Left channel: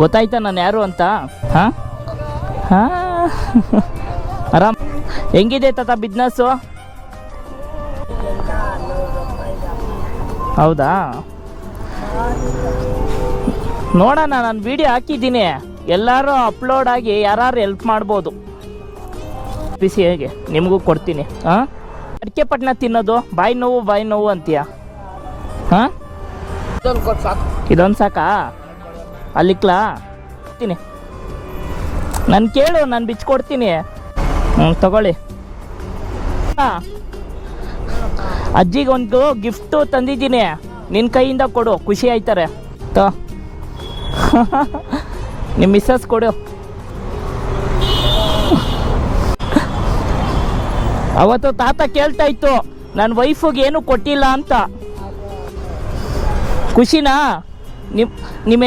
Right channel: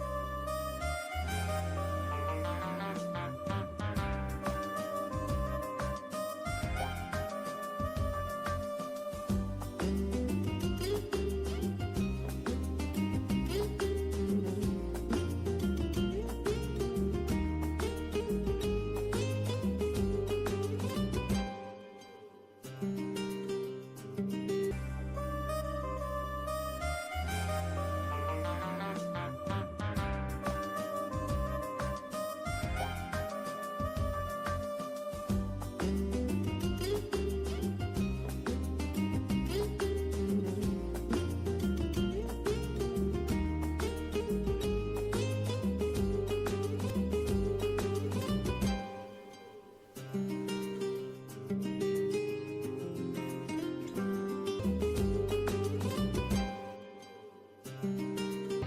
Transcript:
ಗೊತ್ತಾಯ್ತಾ ನಾನು ಯಾರು ಅಂತ? ಹಾಂ ಹಾಂ ಆರಾಮ್. ಹೆಂಗಿದೆ ತಾತ ಬಿಸ್ನೆಸ್ಸು? ಹೌದಾ, ನೋಡೋಣ. ನಾನು ವಿಡಿಯೋ ಹಾಕಿದ್ದೀನಿ, ಎಲ್ಲರೂ ಅಪ್ಲೋಡ್ ಆಗಿ ಯಾರು ಹೆಲ್ಪ್ ಮಾಡ್ಬೋದು. ಬಿಸಿ ಹೇಗೆ ನಿಮಗೂ ಕೊಡ್ತೀನಿ. ಹಾಂ, ಅಡಿಕೆ ಪಟ್ನ ತಿನ್ನೋದು ಬಾಯಿ ನೋವು ಅಂತೀಯ? ಹಾಂ, ಇದೊಂದು ಸಾಕಾ? ಅಲ್ಲಿಕ್ಲಾ ಕೊಡ್ತೀನಿ. ನಾನು ಕೇಳು, ನಾನು ಬಿಚ್ಕೊಡ್ತೀನಿ. ತಗೊಳ್ಳಿ. ಅಜ್ಜಿಗೆ ಒಂದು ಗಿಫ್ಟು ತಂದಿದ್ದೀನಿ, ನಿನ್ನ ಕೈಯಿಂದ ಕೊಡು, ಖುಷಿ ಆಯ್ತಾರೆ. ನಿಮ್ಮ ಮಿಸ್ಸಸ್ ಕೊಡು. ಅವತ್ತು ತಾತ ಕೇಳ್ತಾ ಇತ್ತು ನನ್ನ ವೈಫಿಗೆ ಏನು ಕೊಟ್ಟಿಲ್ಲ ಅಂತ. ಖುಷಿನಾ? ನಿಮ್ಮ